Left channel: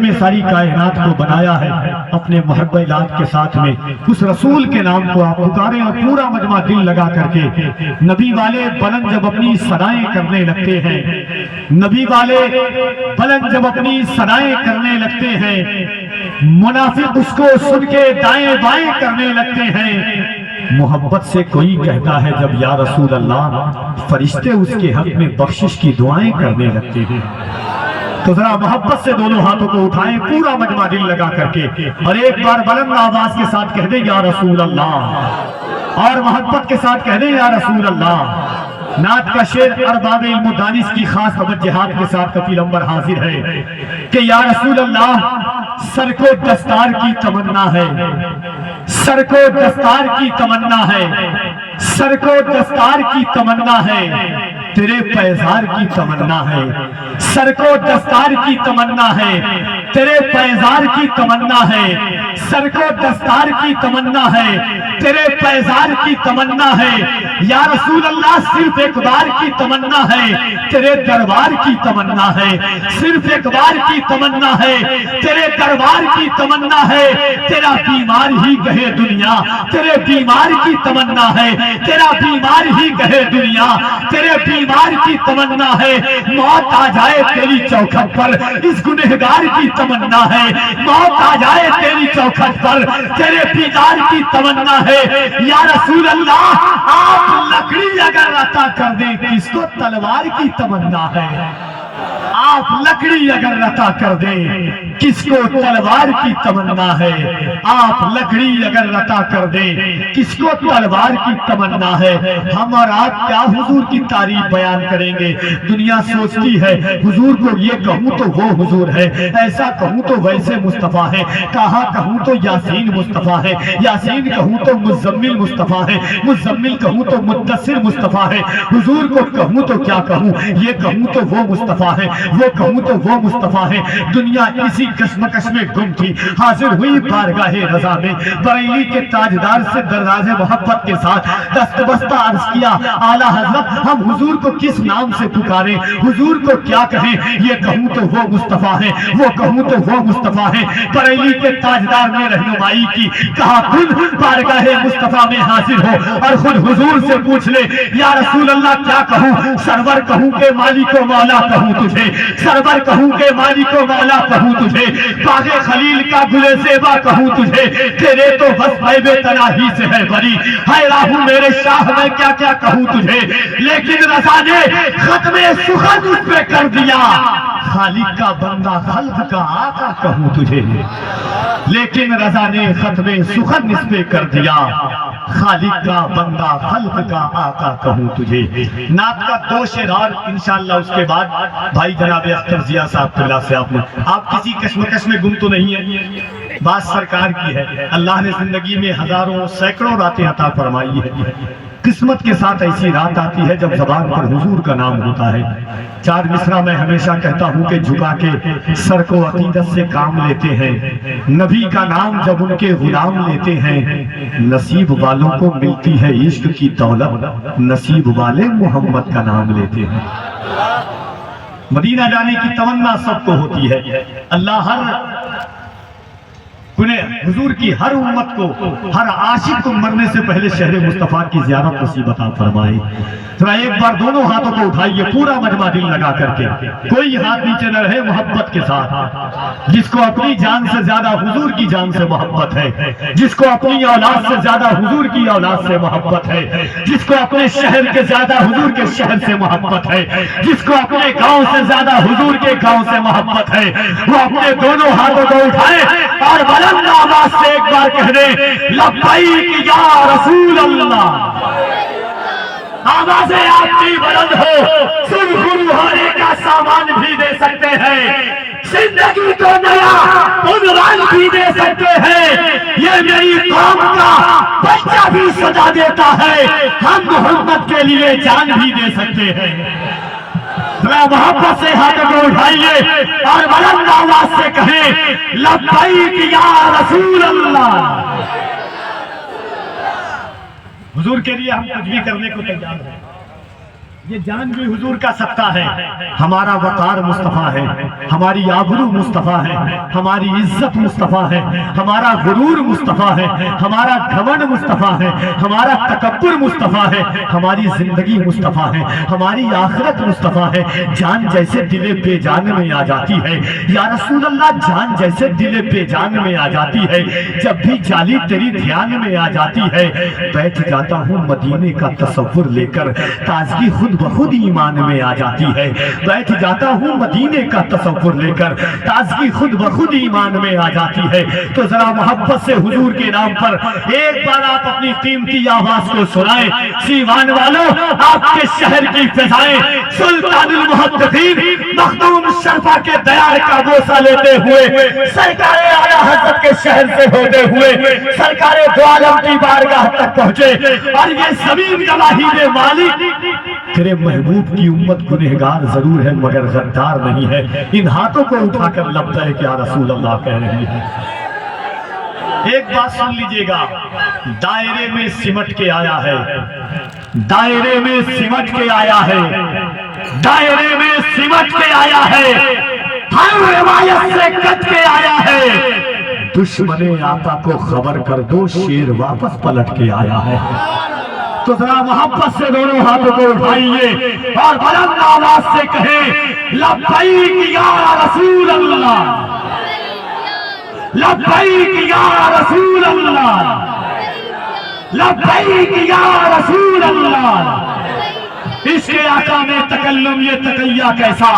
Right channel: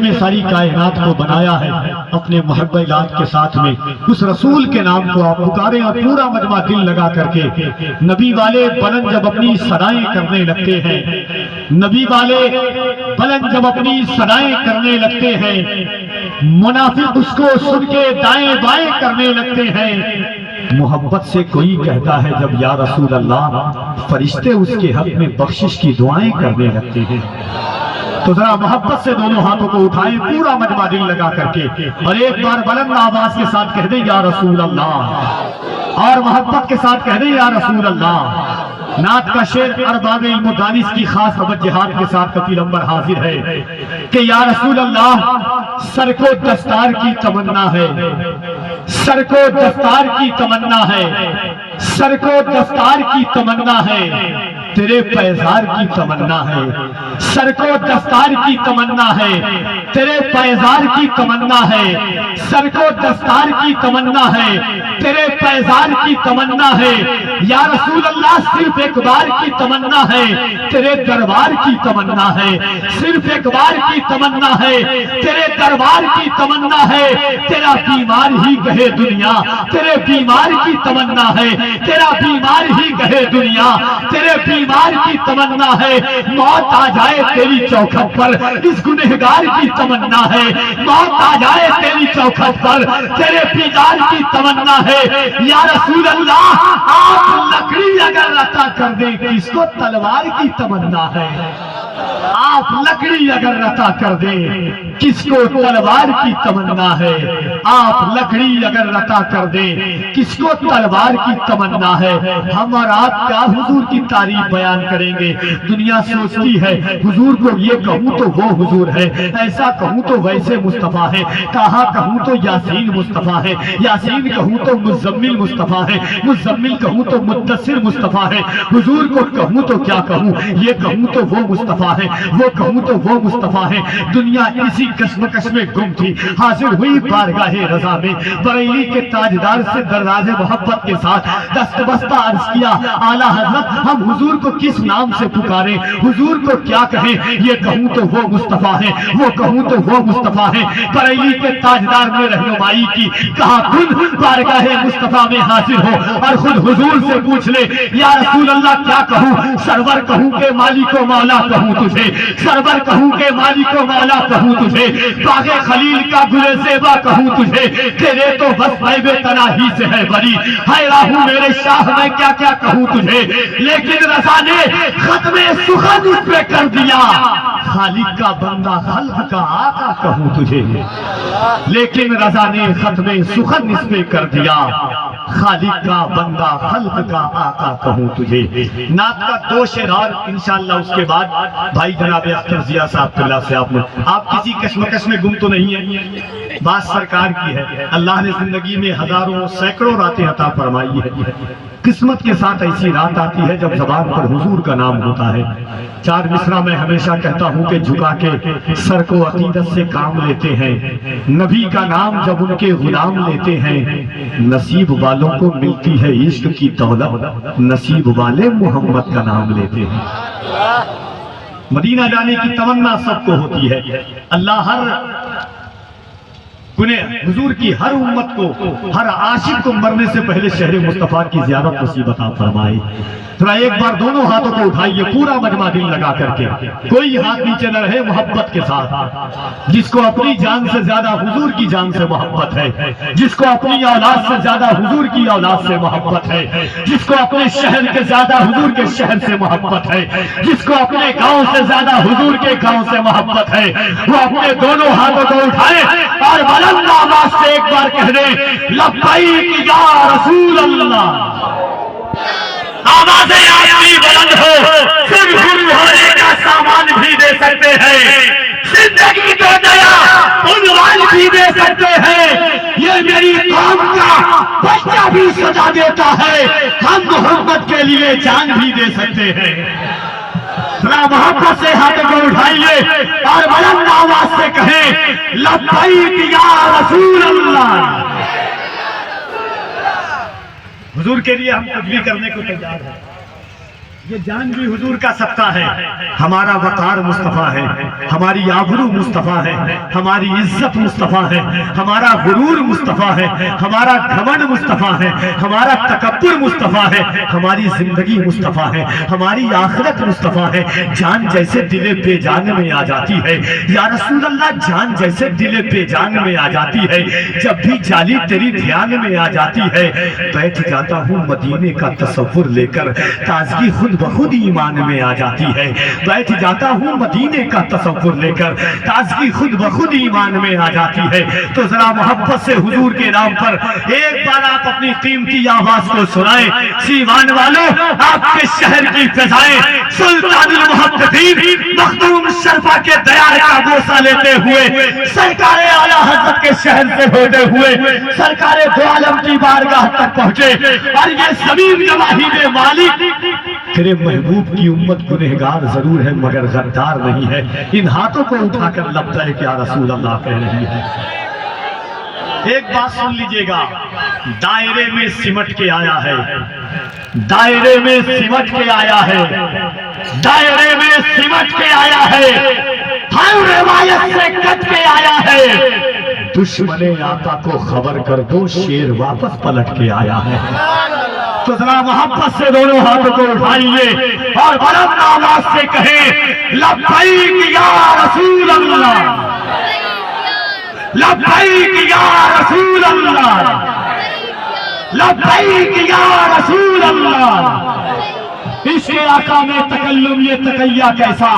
میں ساری کائنات کو بنایا ہے اپنے محبت کے ساتھ میں، اس رسول کے نام کو آپ پکاریں اور پورا مجمع دل لگا کر کے نبی والے بلند جب اپنی ثنائیں کرنے لگتے ہیں، نبی والے بلند جب اپنی ثنائیں کرنے لگتے ہیں، منافق اس کو سن کے دائیں بائیں کرنے لگتے ہیں۔ محبت سے کوئی کہتا ہے جب یا رسول اللہ، فرشتے اس کے حق میں بخشش کی دعائیں کرنے لگتے ہیں۔ تو ذرا محبت سے دونوں ہاتھوں کو اٹھائیں پورا مجمع دل لگا کر کے، اور ایک بار بلند آواز کے ساتھ کہہ دیں یا رسول اللہ، اور محبت کے ساتھ کہہ دیں یا رسول اللہ۔ نعت کا شعر ارباب علم و دانش کی خاص توجہات کے ساتھ کفیل انور حاضر ہے کہ یا رسول اللہ، سر کو دستار کی تمنا ہے، سر کو دستار کی تمنا ہے، سر کو دستار کی تمنا ہے، تیرے پیزار کی تمنا ہے، سر کو دستار کی تمنا ہے، تیرے پیزار کی تمنا ہے، سر کو دستار کی تمنا ہے، تیرے پیزار کی تمنا ہے، یا رسول اللہ صرف ایک بار کی تمنا ہے، تیرے دربار کی تمنا ہے، صرف ایک بار کی تمنا ہے، تیرے دربار کی تمنا ہے، تیرا بیمار ہی گہے دنیا، تیرے بیمار کی تمنا ہے، تیرا بیمار ہی گہے دنیا، تیرے بیمار کی تمنا ہے، موت آ جائے تیری چوکھٹ پر، اس گنہگار کی تمنا ہے، موت آ جائے تیری چوکھٹ پر، تیرے بیدار کی تمنا ہے، یا رسول اللہ آپ لکڑی اگر عطا کر دیں کس کو تلوار کی تمنا ہے، آپ لکڑی اگر عطا کر دیں کس کو تلوار کی تمنا ہے، آپ لکڑی اگر عطا کر دیں کس کو تلوار کی تمنا ہے۔ ہم اور آپ کیا حضور کی تعریف بیان کریں گے، دنیا سوچتی ہے حضور کو یہ کہوں تو وہ حضور ہے، ایسا کہوں تو ویسے مصطفیٰ ہے، کہاں کہوں تو یاسین مصطفیٰ ہے، یاسین کہوں تو مزمل مصطفیٰ ہے، مزمل کہوں تو مدثر مصطفیٰ ہے، حضور کو کہوں تو کیا کہوں، یہ کہوں تو وہ مصطفیٰ ہے، وہ کہوں تو وہ مصطفیٰ ہے۔ دنیا اسی کشمکش میں گم تھی، حاضر ہوئی بارگاہ رضا میں، بریلی کے تاجدار سے دراز محبت کے ساتھ دست بستہ عرض کیا اعلیٰ حضرت ہم حضور کو کس نام سے پکاریں، حضور کو کیا کہیں، یہ کہوں تو وہ مصطفیٰ ہے، وہ کہوں تو وہ مصطفیٰ ہے۔ بریلی کے تاجدار نے رہنمائی کی، کہا خود بارگاہ مصطفیٰ میں حاضر ہو اور خود حضور سے پوچھ لے یا رسول اللہ کیا کہوں، سرور کہوں کہ مالک و مولا کہوں تجھے، سرور کہوں کہ مالک و مولا کہوں تجھے، باغ خلیل کا گل زیبا کہوں تجھے، تیرے تو بس غیب تناہی سے ہے بری، ہے راہو میرے شاہ میں کیا کیا کہوں تجھے، لیکن رضا نے ختم سخن اس پہ کر دیا، خالق کا بندہ خلق کا آقا کہوں تجھے، لیکن رضا نے ختم سخن اس پہ کر دیا، خالق کا بندہ خلق کا آقا کہوں تجھے۔ نعت کا دو شعر اور انشاءاللہ اس کے بعد بھائی جناب اختر ضیاء صاحب اللہ سے آپ کسی کشمکش میں گم تو نہیں ہے، بات سرکار کی ہے، اللہ نے زندگی میں ہزاروں سینکڑوں راتیں عطا فرمائی ہے، قسمت کے ساتھ ایسی رات آتی ہے جب زبان پر حضور کا نام ہوتا ہے۔ چار مصرع میں ہمیشہ کہتا ہوں کہ جھکا کے سر کو عقیدت سے کام لیتے ہیں، نبی کا نام جب ان کے غلام لیتے ہیں، نصیب والوں کو ملتی ہے عشق کی دولت، نصیب والے محمد کا نام لیتے ہیں۔ مدینہ جانے کی تمنا سب کو ہوتی ہے، اللہ حضور کی ہر امت کو، ہر عاشق کو مرنے سے پہلے شہر مصطفیٰ کی زیارت نصیب عطا فرمائے۔ ذرا ایک بار دونوں ہاتھوں کو اٹھائیے پورا مجمع دل لگا کر کے، کوئی ہاتھ نیچے نہ رہے، محبت کے ساتھ، جس کو اپنی جان سے زیادہ حضور کی جان سے محبت ہے، جس کو اپنی اولاد سے زیادہ حضور کی اولاد سے محبت ہے، جس کو اپنے شہر کے زیادہ حضور کے شہر سے محبت ہے، جس کو اپنے گاؤں سے زیادہ حضور کے گاؤں سے محبت ہے، وہ اپنے دونوں ہاتھوں کو اٹھائے اور بلند آواز سے ایک بار کہہ دے لبیک یا رسول اللہ۔ آوازیں آپ کی بلند ہو، سن ہونے کا سامان بھی دے سکتے ہیں، زندگی کو نیا عنوان بھی دے سکتے ہیں، یہ میری قوم کا بچہ بھی سجا دیتا ہے، ہم محمد کے لیے جان بھی دے سکتے ہیں۔ ذرا محبت سے ہاتھ کو اٹھائیے اور بلند آواز سے کہیں لبیک یا رسول اللہ۔ حضور کے لیے ہم کچھ بھی کرنے کو تیار ہیں، یہ جان بھی حضور کا صدقہ ہے. ہمارا وقار مصطفیٰ ہے, ہماری آبرو مصطفیٰ ہے, ہماری عزت مصطفیٰ ہے, ہمارا غرور مصطفیٰ ہے, ہمارا گھمنڈ مصطفیٰ ہے, ہمارا تکبر مصطفیٰ ہے, ہماری زندگی مصطفیٰ ہے, ہماری آخرت مصطفیٰ ہے. جان جیسے دل بے جان میں آ جاتی ہے یا رسول اللہ, جان جیسے دل بے جان میں آ جاتی ہے. جب بھی جالی تیری دھیان میں آ جاتی ہے, بیٹھ جاتا ہوں مدینے کا تصور لے کر, تازگی خود بخود ایمان میں آ جاتی ہے. بیٹھ جاتا ہوں مدینے کا تصور لے کر, تازگی خود بخود ایمان میں آ جاتی ہے. تو ذرا محبت سے حضور کے نام پر ایک بار آپ اپنی قیمتی آواز کو سنائیں. سیوان والوں, آپ کے شہر کی فضائیں سلطان المحدثین مخدوم شرفا کے دیار کا بوسہ لیتے ہوئے, سرکار اعلیٰ حضرت کے شہر سے ہوتے ہوئے سرکار دو عالم کی بارگاہ تک پہنچے. اور یہ زمین گواہی دے مالک, تیرے محبوب کی امت گنہگار ضرور ہے مگر غدار نہیں ہے. ان ہاتھوں کو اٹھا کر لبیک یا رسول اللہ کہہ رہی ہے. ایک بات سن لیجئے گا, دائرے میں سمٹ کے آیا ہے, دائرے میں سمٹ کے آیا ہے, دائرے میں سمٹ کے آیا ہے, ہر روایت سے کٹ کے آیا ہے. دشمن آقا کو خبر کر دو, شیر واپس پلٹ کے آیا ہے. تو ذرا محبت سے دونوں ہاتھوں کو اٹھائیے اور بلند آواز سے کہیں, لبیک یا رسول اللہ, لبیک یا رسول اللہ, لبیک یا رسول اللہ. اس کے آقا میں تکلم یہ تقیہ کیسا,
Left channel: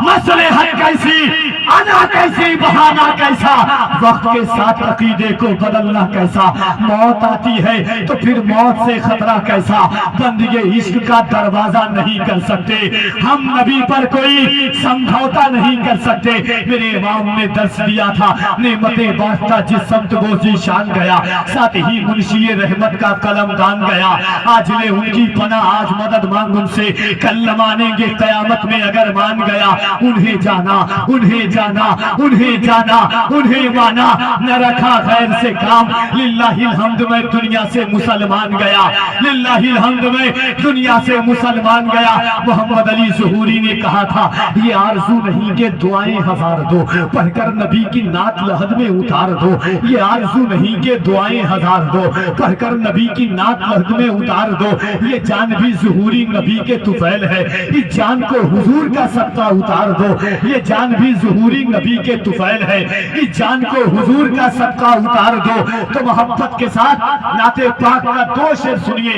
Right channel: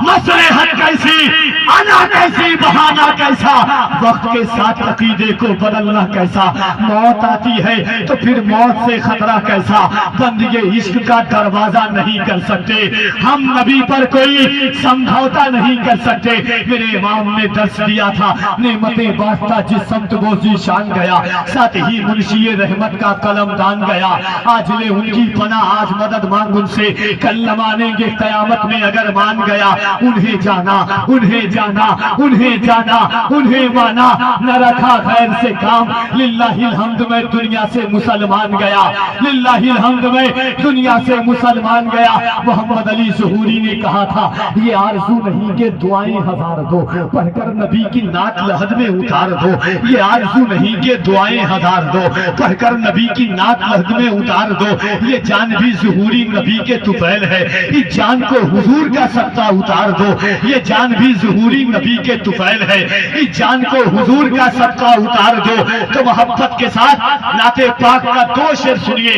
مصلحت کیسی, انا کیسی, بہانہ کیسا, وقت کے ساتھ عقیدے کو بدلنا کیسا. موت آتی ہے تو پھر موت سے خطرہ کیسا, بندگی عشق کا دروازہ نہیں کر سکتے ہم, نبی پر کوئی سمجھوتا نہیں کر سکتے. میرے امام نے درس دیا تھا, نعمتیں بانٹتا جس سمت وہ ذیشان گیا, ساتھ ہی منشی رحمت کا قلم دان گیا. آج لے ان کی پناہ, آج مدد مانگ ان سے, کل نہ مانیں گے قیامت میں اگر مان گیا. انہیں جانا, انہیں جانا, انہیں جانا, انہیں مانا, نہ رکھا غیر سے کام. للہ الحمد میں دنیا سے مسلمان گیا, للہ الحمد میں دنیا سے مسلمان گیا. محمد علی ظہوری نے کہا تھا, یہ آرزو نہیں کہ دعائیں ہزار دو, پڑھ کر نبی کی نعت لحد میں اتار دو. یہ آرزو نہیں کہ دعائیں ہزار دو, پڑھ کر نبی کی نعت لحد میں اتار دو. یہ جان بھی ظہوری نبی کے طفیل ہے, اس جان کو حضور کا صدقہ اتار دو. یہ جان بھی ظہوری نبی کے طفیل ہے, اس جان کو حضور کا صدقہ اتار دو. تو محبت کے ساتھ نعت پاک کا 2 شعر سنیے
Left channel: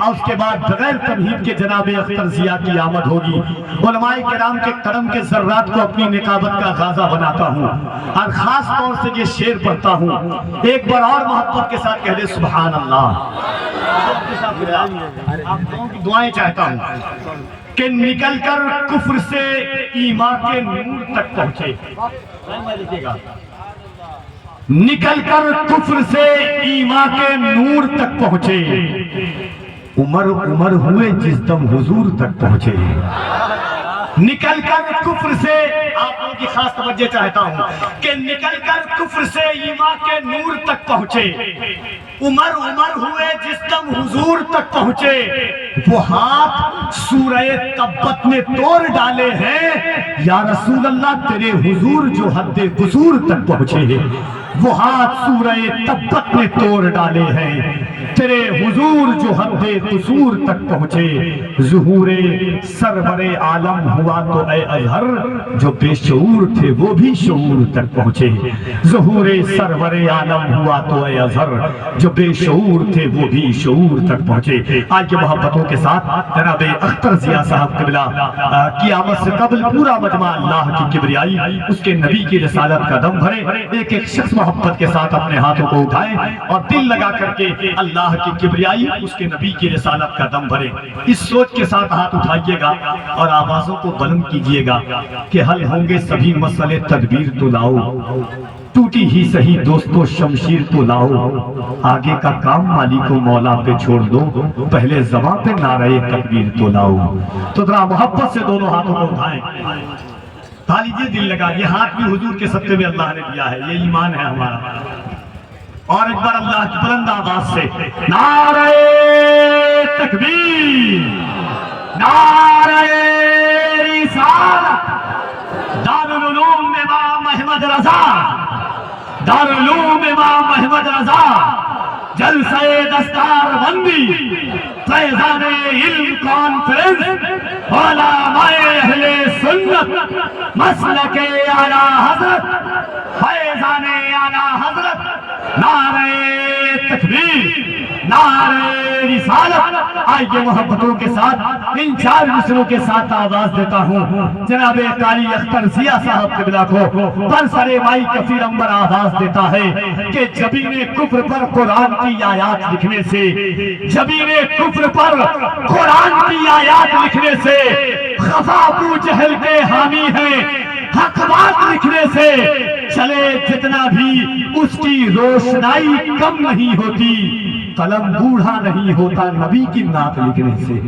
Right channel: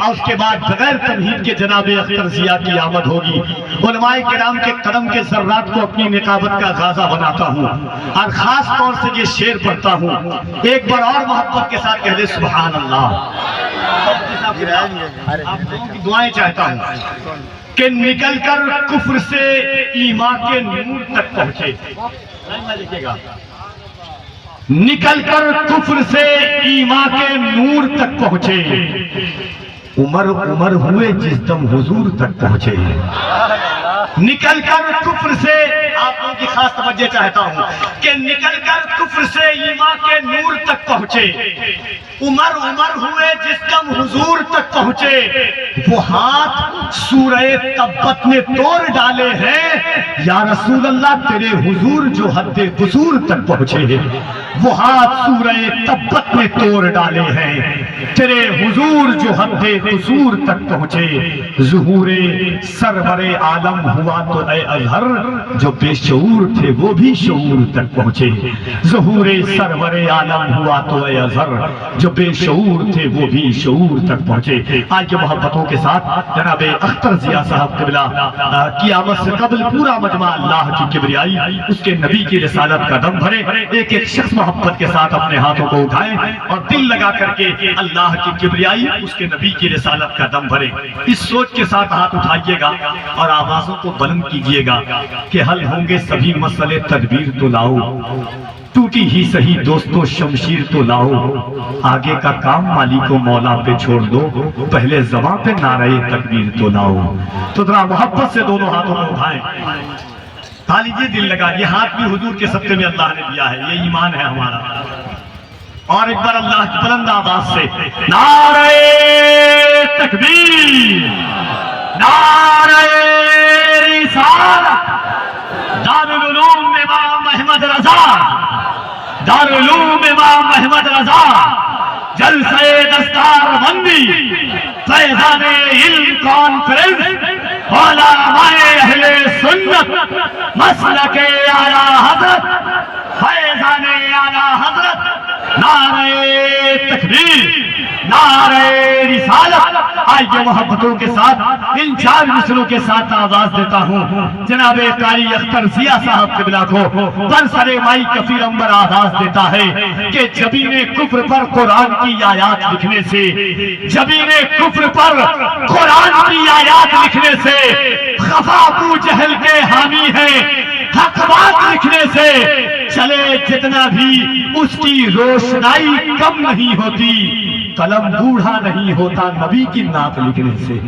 اور اس کے بعد بغیر تمہید کے جناب اختر ضیاء کی آمد ہوگی. علماء کرام کے قدم کے ذرات کو اپنی نقابت کا غازہ بناتا ہوں اور خاص طور سے یہ شعر پڑھتا ہوں. ایک بار اور محبت کے ساتھ کہہ دے سبحان اللہ. آپ لوگوں کی دعائیں چاہتا ہوں کہ نکل کر کفر سے ایمان کے نور تک پہنچے. نکل کر کفر سے ایمان کے نور تک پہنچے, عمر عمر ہوئے جس دم حضور تک پہنچے. نکل کر کفر سے, آپ لوگوں کی خاص توجہ چاہتا ہوں کہ نکل کر کفر سے ایمان کے نور تک پہنچے, عمر عمر ہوئے جس دم حضور تک پہنچے. وہ ہاتھ سورہ تبت نے توڑ ڈالے ہیں یا رسول اللہ تیرے حضور جو حد قصور تک پہنچے. وہ ہاتھ سورہ تبت نے توڑ ڈالے ہیں تیرے حضور جو حد قصور تک پہنچے. ظہور سرور عالم ہوا تو اے اظہر, جو بے شعور تھے وہ بھی شعور تک پہنچے. ظہور سرور عالم ہوا تو اے اظہر, جو بے شعور تھے وہ بھی شعور تک پہنچے. آج کے محبتوں کے ساتھ جناب اختر ضیاء صاحب قبلہ کی آمد سے قبل پورا مجمع اللہ کی کبریائی, اس کے نبی کی رسالت کا دم بھرے. ایک ایک شخص محبت کے ساتھ اپنے ہاتھوں کو اٹھائیں اور دل لگا کر کے اللہ کی کبریائی, اس کے نبی کی رسالت کا دم بھرے. اس سوچ کے ساتھ ہاتھ اٹھائیے گا اور آوازوں کو بلند کیجئے گا کہ حل ہوں گے سبھی مسئلے, تدبیر تو لاؤ, ٹوٹی ہی سہی دوستو شمشیر تو لاؤ. آگے کا کام مالک و مولا پہ چھوڑ دو, پہلے زباں پہ نعرہ تکبیر تو لاؤ. تو ذرا محبت سے دونوں ہاتھوں کو اٹھائیں, لیجیے دل لگا. یہ ہاتھ بھی حضور کے صدقے میں اللہ نے دیا ہے, یہ ایمان ہے ہمارا. اور ایک بار اللہ کی بلند آواز سے نعرہ تکبیر, نعرہ رسالت، دارالعلوم امام احمد رضا، دارالعلوم امام احمد رضا، جلسہ دستار بندی، فیضان علم کانفرنس، علماء اہل سنت، مسلک اعلیٰ حضرت، فیضان اعلیٰ حضرت، نعرہ تکبیر، نعرہ رسالت۔ آئیے محبتوں کے ساتھ ان 4 مصروں کے ساتھ آواز دیتا ہوں جناب قاری اختر ضیاء صاحب قبلہ کو برسر مائی کفیر انبر آواز دیتا ہے کہ جبین کفر پر قرآن کی آیات لکھنے سے، جبین کفر پر قرآن کی آیات لکھنے سے خفا ابو جہل کے حامی ہیں، حق بات لکھنے سے چلے جتنا بھی اس کی روشنائی کم نہیں ہوتی، قلم بوڑھا نہیں ہوتا نبی کی نعت لکھنے سے۔